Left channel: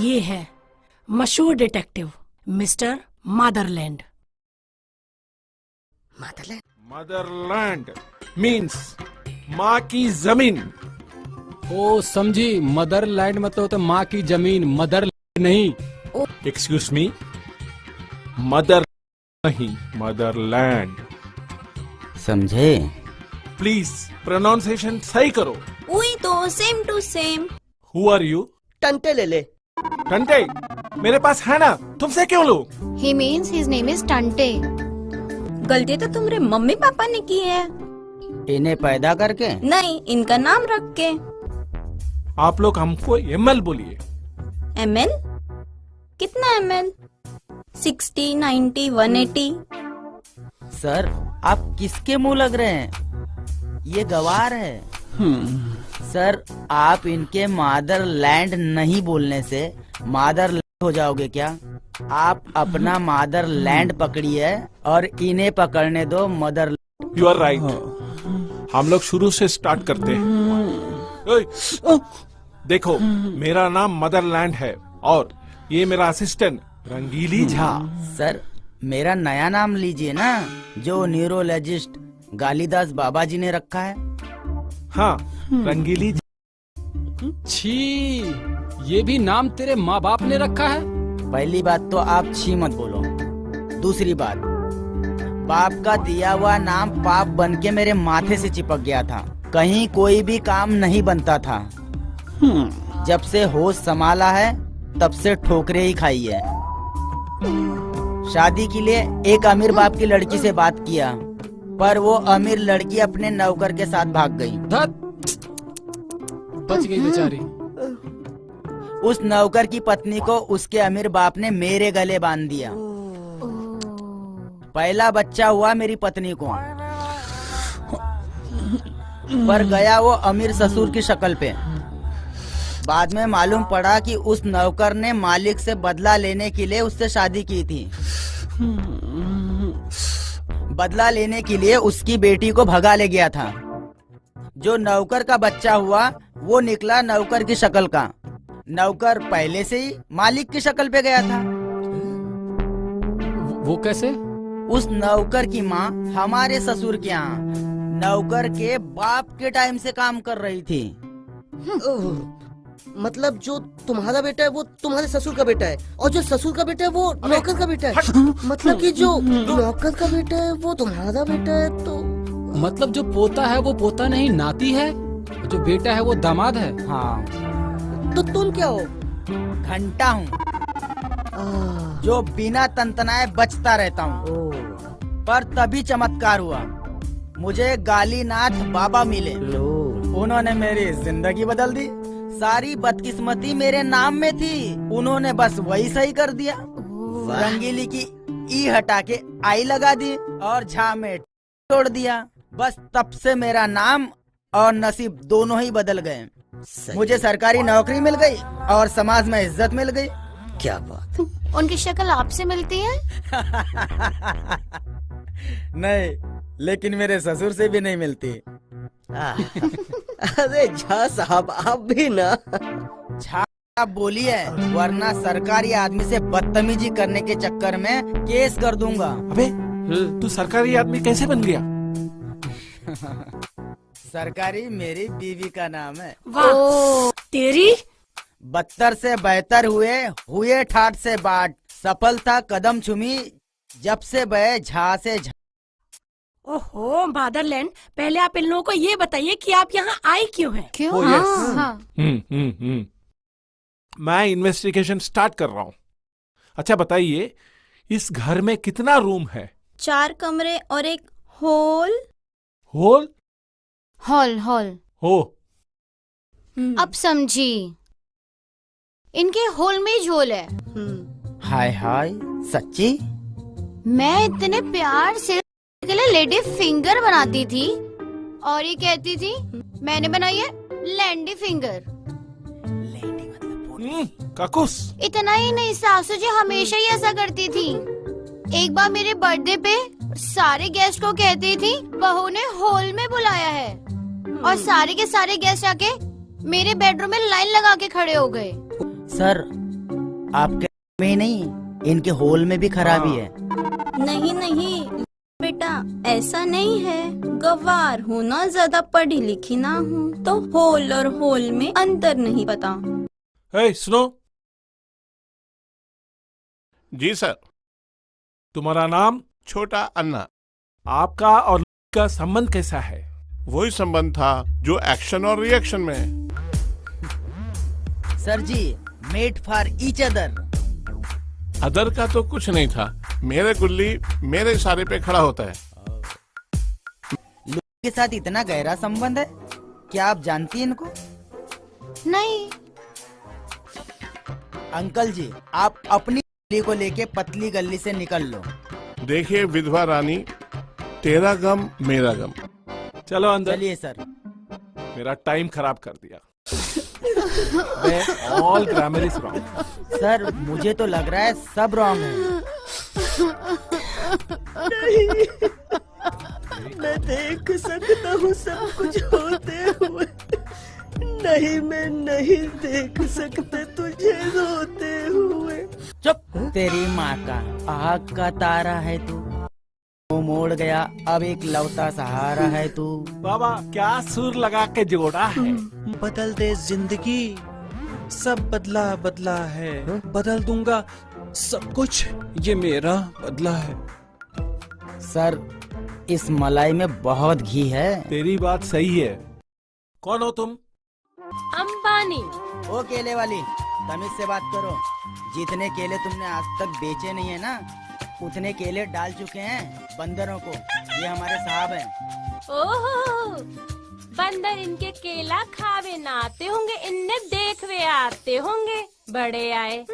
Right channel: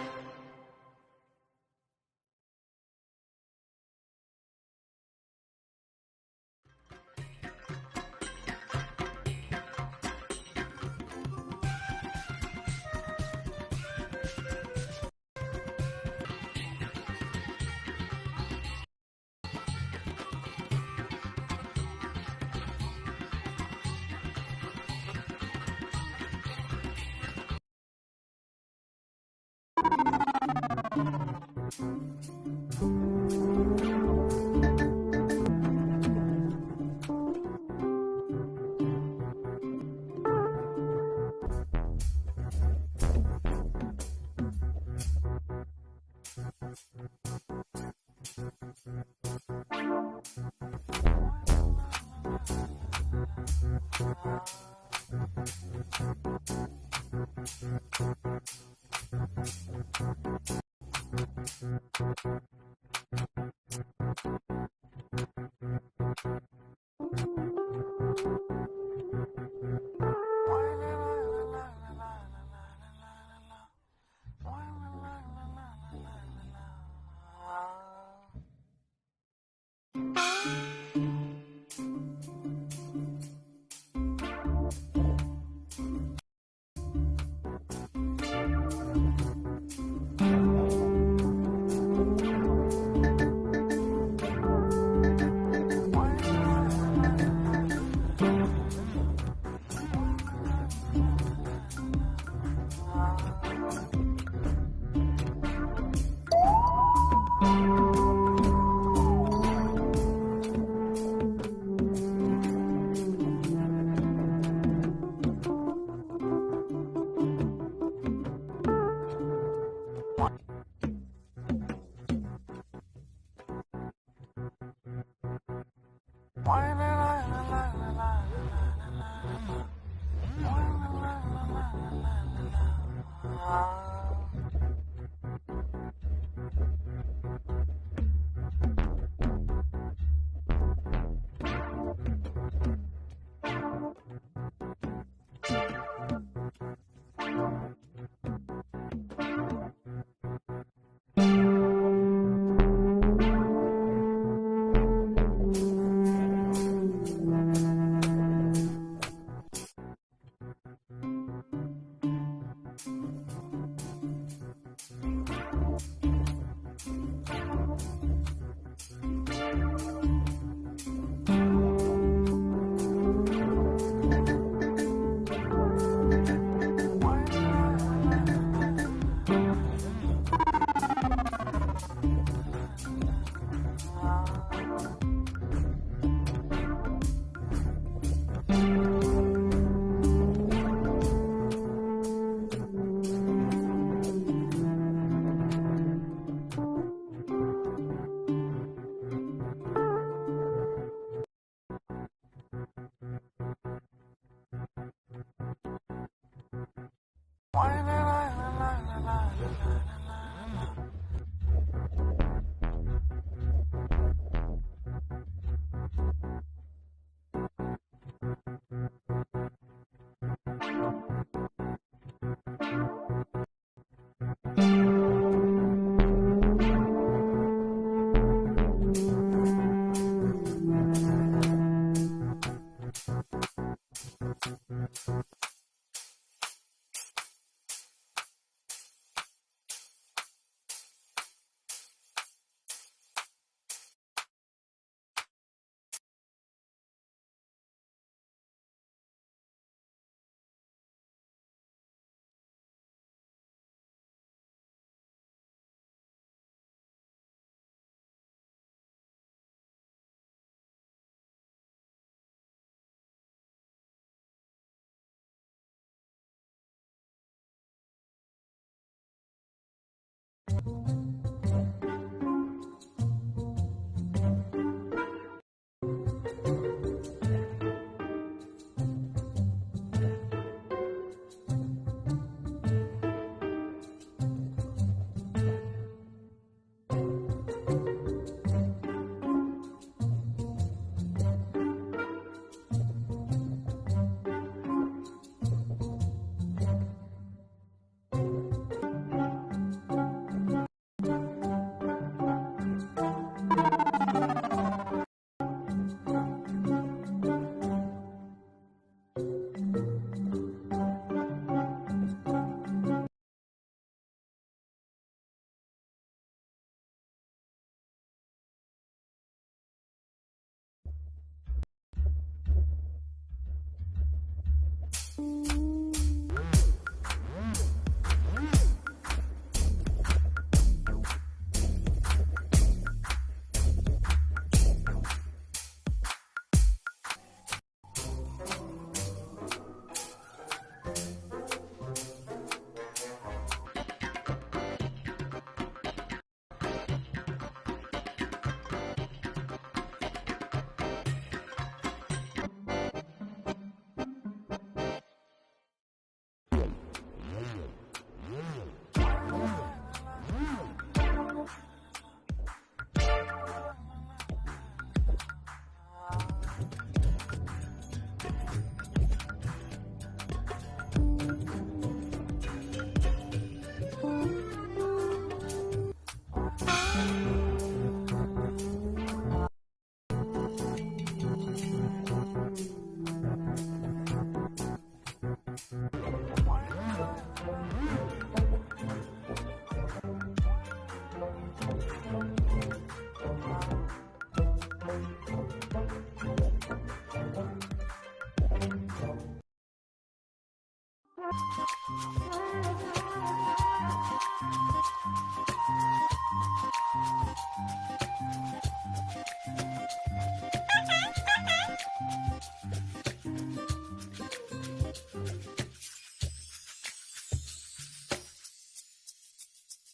ये है मशहूर detective mister Motherland. Motherland? Motherland means माँ की जमीन। ओ समझी, मदरलैंड मतलब तो माँ की जमीन, मदर नहीं। एक्सक्यूज मी, मदर नहीं, मदरलैंड। समझे? प्लीज प्रोनाउंसिएशन सही करो। वही तो, same to same. Who are you? टंटे ले ले। घंटे मेरे पास है ना, तुमसे क्यों लूं? He means his name is टंटे। गलती तो तुम्हारे मम्मी पापा ने की है। इन्हें पैदा करके? नहीं, इनका नाम रख के। आप लोग हमको एमएल बोलिए। ML? कितना ML? 60, 90, 180? सर, आप किसके मुंह लग रहे हैं? ये गवार है। सर, आप इनके मादरलैंड नहीं बोलने से मादरलैंड हो जाओगे क्या? आप अपना मादरलैंड पकड़िए और इन्हें पकड़ने दो मदर। You are right. हम लोग शुरू से स्टार्ट करते हैं। ओए, देखो मेरा नाम मदरलैंड है और ये मेरा असिस्टेंट रंगीली झा। सर, मेरा नया नाम लीजिए ना, जो न्यूरोलॉजिस्ट गालीदास बाबा जी ने रखा है। हाँ, रंगीली झा। छी, ये भी नाम तेरे माँ बाप ने रखा है? पहली बात तो आप छी मत बोलो। दूसरी बात, बाप का दिया हुआ नाम पाप बन के मेरे माथे से चिपक गया था। कहीं कोई भी काम नहीं बनता था। जब से होश संभाला है तब से ठोकरे ही खाई है। शादी के लिए एक अमीर बाप की लड़की से बात किया, पर वो अमीर लड़की अपने नौकर के साथ भाग गई। बच गई बेचारी। उस नौकर की पत्नी को उसके अमीर बाप ने मेरे गले बांध दिया। पहला बच्चा हुआ मेरी पत्नी को, पर गया वो अमीर ससुर की शक्ल पे। बाद में मालूम पड़ा कि उस नौकर ने मालिक से बदला लेने के लिए उससे शादी की थी। बदला लेने के लिए उसकी बेटी को भगा ले गया था। जो नौकर का बच्चा हुआ वो निकला नौकर की शक्ल का। नौकर पहले से ही मालिक की शक्ल पे गया था। वो कैसे? उस नौकर की माँ हमारे ससुर के यहाँ नौकर के बाप के टाइम से काम कर रही थी। मतलब जो तुम्हारा बेटा है वो तुम्हारे ससुर का बेटा है, और जो ससुर का बेटा है वो नौकर का बेटा है। मतलब कि जो नौकर का बेटा है वो तुम्हारा बेटा है। तो मतलब जो पोता है वो पोता नहीं, नाती है। जो बेटा है वो दामाद है। हाँ, तो तुम क्या हो? घंटा हूँ, जो बिना तंतनाए बचता रहता हूँ। पर तभी चमत्कार हुआ, मुझे गालीनाथ बाबा मिले। उन्होंने मेरी जिंदगी बदल दी। सारी बदकिस्मती मेरे नाम में थी, उन्होंने बस वही सही कर दिया। रंगीली की ई हटा के आई लगा दी और झा में तोड़ दिया। बस तब से मेरा नाम और नसीब दोनों ही बदल गए। मुझे सरकारी नौकरी मिल गई और समाज में इज्जत मिल गई। क्या बात? उनकी शक्ल आपसे मिलती है? नहीं, लेकिन मेरे ससुर से भी नहीं मिलती। अरे झा साहब, आप भी ना। झा आप बोलिए, वरना सरकारी आदमी से बदतमीजी करने के चक्कर में केस कर दूंगा। अबे, तू सरकारी आदमी कैसे बन गया? सरकारी मेरी बीवी का नाम है। वाह, तेरी। बदतर से बेहतर हुए ठाट से बाट। सफल था कदम छुमी जब से बहे झा से झा। ओहो मदरलैंड, पहले आप इन लोगों को ये बताइए कि आप यहाँ आए क्यों हैं? क्यों? Oh, yes. हाँ। मैं इन्वेस्टिगेशन स्टार्ट कर रहा हूँ। अच्छा बताइए, इस घर में कितना रूम है? 4 कमरे और एक हॉल। होल? हॉल हो। अब समझी, इनके हॉल में ही झोल है। हाय हाय, सच्ची? मैं इतने प्यार से के लिए लेडी फिंगर बनाती थी और ये कहती थी मैंने बनाई है लैंडी फिंगर। काकुस। इतना ही नहीं, सासू जी हमेशा ही ऐसा करती थी। एक बार मेरे बर्थडे पे सारे गेस्ट को कहती थी बहू ने हॉल में बुलाया है, और सारे के सारे गेस्ट आके मेरे बेडरूम में लाइन लगा के खड़े हो गए। सर, आपके में ही नहीं, इनके होल में भी खराबी है। नहीं नहीं बेटा, ऐसा नहीं है। गवार हूँ ना, ज्यादा पढ़ी लिखी ना हूँ, तो होल और होल में अंतर नहीं पता। सुनो, जी सर। तुम्हारा नाम? छोटा अन्ना। आपका और का संबंध कैसा है? वही संबंध था जो एक्शन और रिएक्शन में है। Sir ji, made for each other. Other का तो कुछ नहीं था, मेरे गुल्ली मेरे इशारे पे खड़ा होता है। लोग के साथ इतना गहरा संबंध है, क्या आप जानती हैं इनको? नहीं। अंकल जी, आप अपनी गली को लेके पतली गली से निकल लो। देखिए विधवा रानी, तेरा गम मेरा गम। चलो अंदर। चलिए सर। मेरा टाइम खराब कर दिया। मैं all grammar is wrong. Sir, मुझे तो लग रहा है सब रॉन्ग है। मैं देख सकता हूँ सब कुछ होते हुए, नहीं मैं नहीं देख सकते तुझे रोते हुए। चुप, तेरी माँ का आग का तारा है तू, वो मोड़ गया अब एक लौता सहारा है तू। बाबा क्या सुर लगा के जोड़ा है। बदल दे जिंदगी, सब बदला बदला है, बदल दूंगा सब कुछ, ये मेरा बदला है। सर, इस मलाई में बहुत घी है। तेरी बात सही है। कौन हो तुम? अंबानी। ओ केले वाली, तमीज से बात करो। जितने केले तुमने आज तक बेचे नहीं है ना, उतने केले डाल चुके हैं बंदरों को। ये हमारे साहब हैं। ओहो, बंदर इनके केला खावे ना आते होंगे, इनने देखवे आते होंगे। बड़े आए।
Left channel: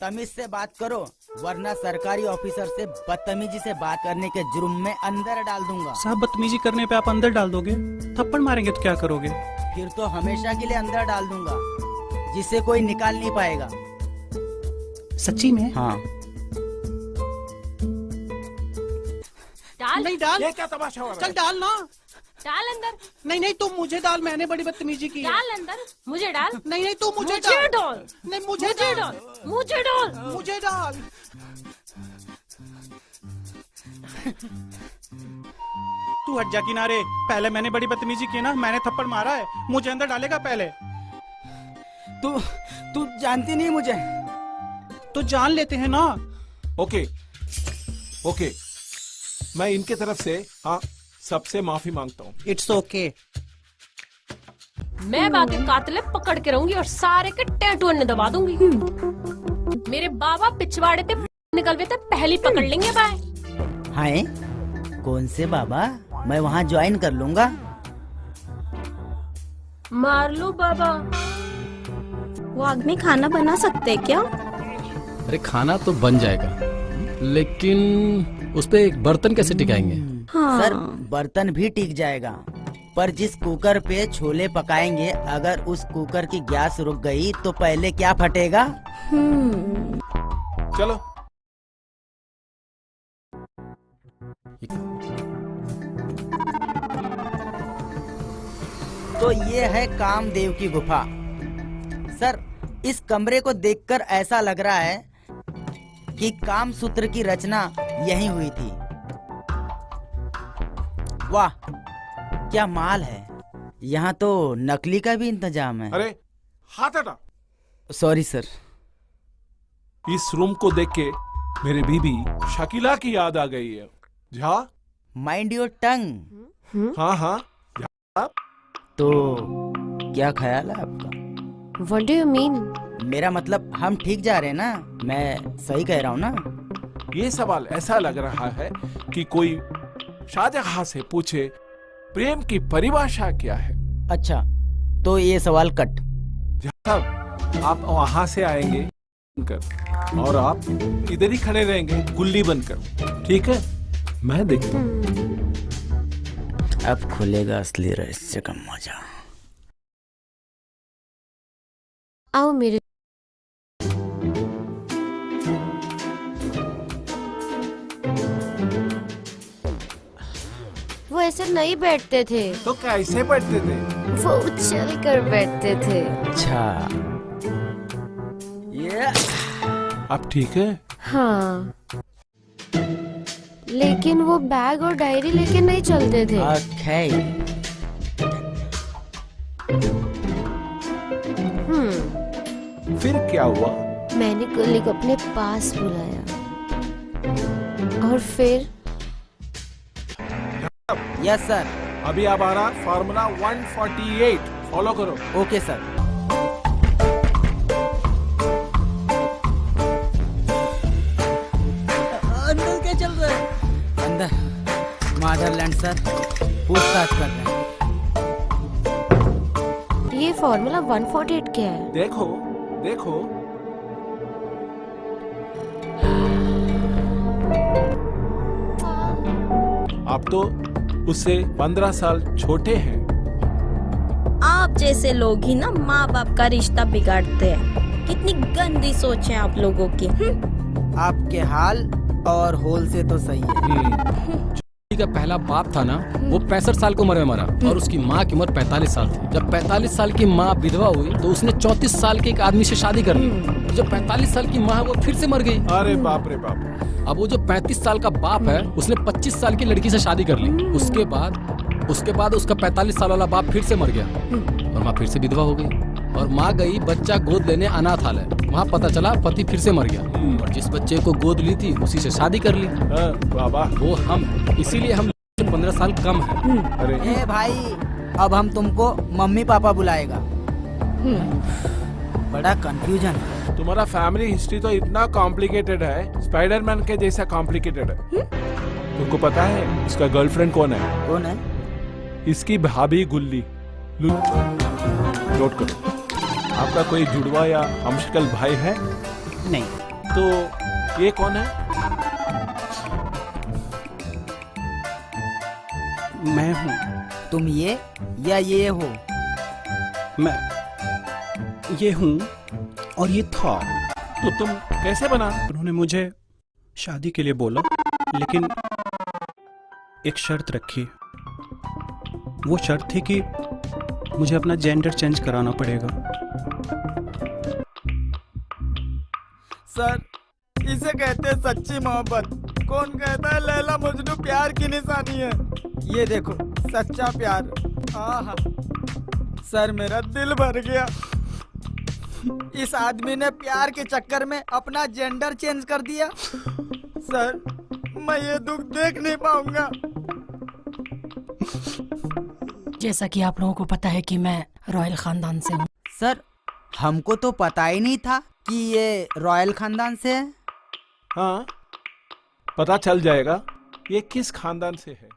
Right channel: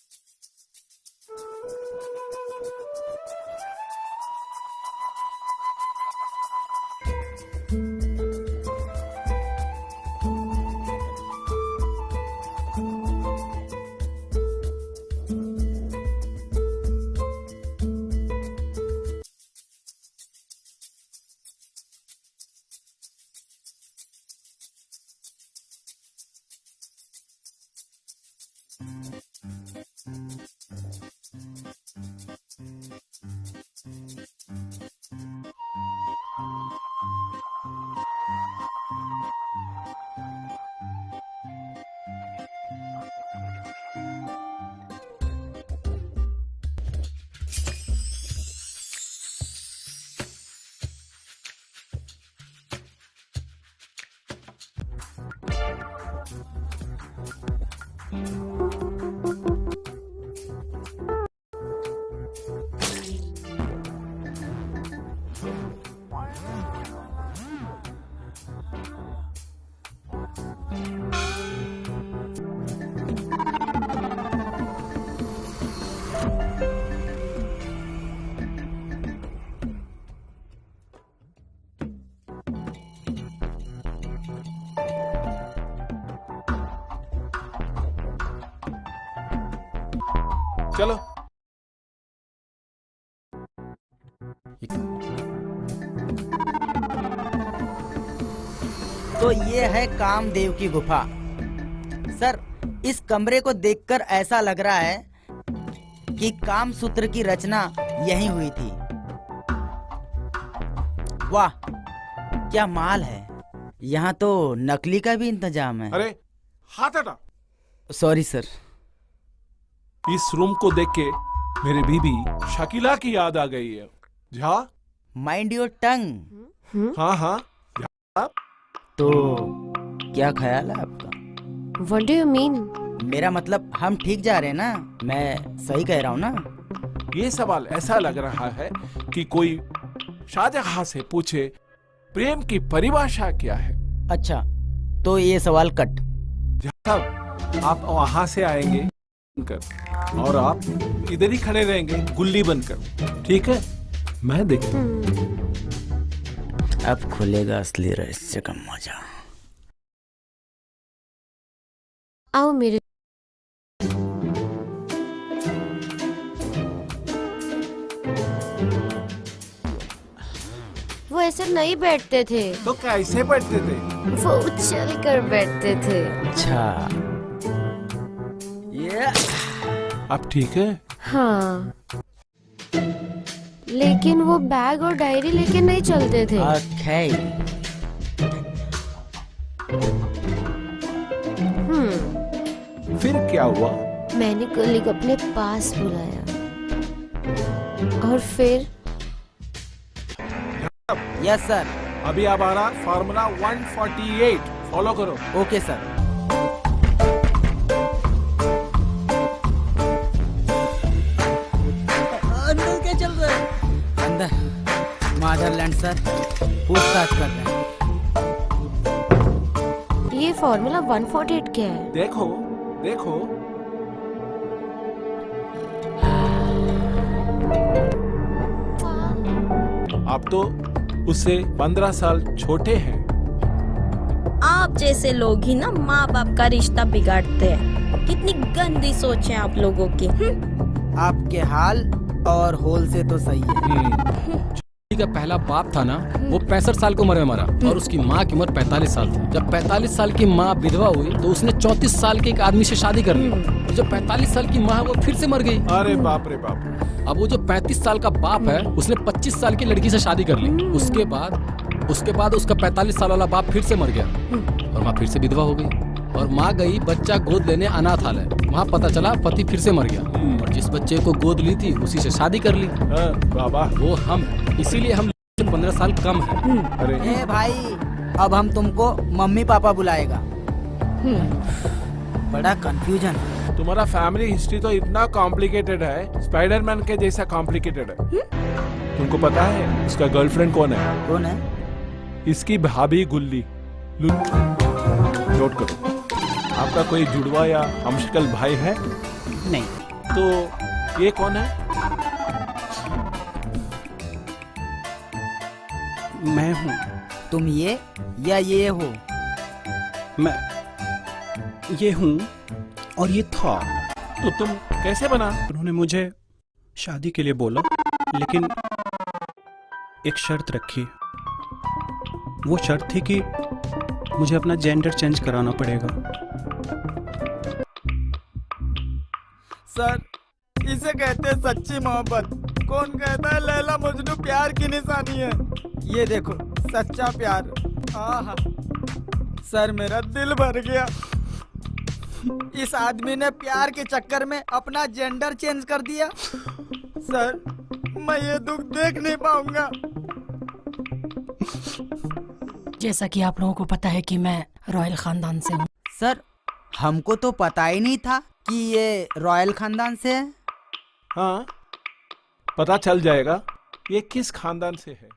तमीज से बात करो, वरना सरकारी ऑफिसर से बदतमीजी से बात करने के जुर्म में अंदर डाल दूंगा। साहब, बदतमीजी करने पे आप अंदर डाल दोगे? थप्पड़ मारेंगे तो क्या करोगे? फिर तो हमेशा के लिए अंदर डाल दूंगा, जिसे कोई निकाल नहीं पाएगा। सच्ची में? हाँ। डाल। नहीं डाल। ये क्या तमाशा हो रहा चल है? डाल ना। डाल अंदर। नहीं नहीं, तुम मुझे डाल, मैंने बड़ी बदतमीजी की है। डाल अंदर। मुझे डाल। नहीं नहीं, तू मुझे मुझे डाल। डाल। नहीं मुझे मुझे डाल। डाल। मुझे डाल। मुझे डाल। तू हट जा किनारे। पहले मैंने बड़ी बदतमीजी की ना, मैंने थप्पड़ मारा है, मुझे अंदर डालेगा पहले। तू जानती नहीं मुझे। तो जान लेते हैं ना। ओके ओके, मैं इनके तरफ से हाँ सबसे माफी मांगता हूँ। It's okay. मैं बाकी कातले पकड़ के रहूंगी और सारे के टैटू ने दबा दूंगी। मेरे बाबा पिछवाड़े पे निकलवे थे, पहली पकड़ लेंगे। बाय। हाँ, कौन से बाबा? मैं वहाँ ज्वाइन कर लूंगा। मार लो बाबा। वो आदमी खाना बना सकते हैं क्या? अरे खाना तो बन जाएगा, लेकिन उस पे एक बर्तन कैसे टिकाएंगे? हाँ। सर, बर्तन भी टिक जाएगा, पर जिस कुकर पे छोले पकाएंगे, अगर उस कुकर की गैस रुक गई तो पहले क्या फटेगा? चलो। तो ये है कामदेव की गुफा। सर, इस कमरे को देखकर ऐसा लग रहा है कि काम सूत्र की रचना यहीं हुई थी। वाह, क्या माल है। यहाँ तो नकली का भी इंतजाम है। अरे हाथ हटा। Sorry sir. इस रूम को देख के मेरे बीबी शकीला की याद आ गई है। Jha, mind your tongue. हाँ हाँ। तो क्या ख्याल है आपका? What do you mean? मेरा मतलब हम ठीक जा रहे हैं ना? मैं सही कह रहा हूँ ना? ये सवाल ऐसा लग रहा है कि कोई शाहजहां से पूछे प्रेम की परिभाषा क्या है। अच्छा, तो ये सवाल कट। साहब, आप वहां से आएंगे कर और आप इधर ही खड़े रहेंगे गुल्ली बनकर, ठीक है? मैं देखता हूँ। अब खुलेगा असली रहस्य का मजा। आओ मेरे। वो ऐसे नहीं बैठते थे, तो कैसे बैठते थे? वो उछल कर बैठते थे। अच्छा, ये आप ठीक है? हाँ, लेकिन वो बैग और डायरी लेके नहीं चलते थे। ओके। फिर क्या हुआ? मैंने कलीग अपने पास बुलाया और फिर यस सर। अभी आप आ रहा फार्मूला 148 फॉलो करो। Okay sir. अंदर क्या चल रहा है? अंदर मदरलैंड सर पूछताछ कर रहे हैं। ये फॉर्मूला 148 क्या है? देखो देखो, आप तो उससे 15 साल छोटे हैं। आप जैसे लोग ही ना माँ बाप का रिश्ता बिगाड़ते हैं। कितनी गंदी सोच है आप लोगों की। आपके हाल और होल से तो सही है। का पहला बाप था ना, वो 65 साल की उम्र में मरा और उसकी माँ की उम्र 45 साल थी। जब 45 साल की माँ विधवा हुई तो उसने 34 साल के एक आदमी से शादी कर ली। जो 45 साल की माँ है वो फिर से मर गई। अरे बाप रे बाप। अब वो जो 35 साल का बाप है उसने 25 साल की लड़की से शादी कर ली। उसके बाद उसका 45 साल वाला बाप फिर से मर गया और माँ फिर से विधवा हो गई। और माँ गई बच्चा गोद लेने अनाथालय। वहाँ पता चला पति फिर से मर गया और जिस बच्चे को गोद ली थी उसी से शादी कर ली। बाबा, वो हम हैं, इसीलिए हम 15 साल कम है। अरे ए भाई, अब हम तुमको मम्मी पापा बुलाएगा। बड़ा कंफ्यूजन है। तुम्हारा फैमिली हिस्ट्री तो इतना कॉम्प्लिकेटेड है, स्पाइडरमैन के जैसा कॉम्प्लिकेटेड है। तुमको पता है उसका गर्लफ्रेंड कौन है? कौन है? इसकी भाभी गुल्ली। नोट करो। आपका कोई जुड़वा या हमशक्ल भाई है? नहीं। तो ये कौन है? मैं हूँ। तुम ये या ये हो? मैं ये हूँ और ये था। तो तुम कैसे बना? उन्होंने मुझे शादी के लिए बोला, लेकिन एक शर्त रखी। वो शर्त थी कि मुझे अपना जेंडर चेंज कराना पड़ेगा। सर, इसे कहते हैं सच्ची मोहब्बत। कौन कहता है लैला मजनू प्यार की निशानी है? ये देखो सच्चा प्यार। आहा, सर मेरा दिल भर गया। इस आदमी ने प्यार के चक्कर में अपना जेंडर चेंज कर दिया। सर, मैं ये दुख देख नहीं पाऊंगा। जैसा कि आप लोगों को पता है कि मैं रॉयल खानदान से हूँ। सर, हमको तो पता ही नहीं था कि ये रॉयल खानदान से है। हाँ, पता चल जाएगा ये किस खानदान से है।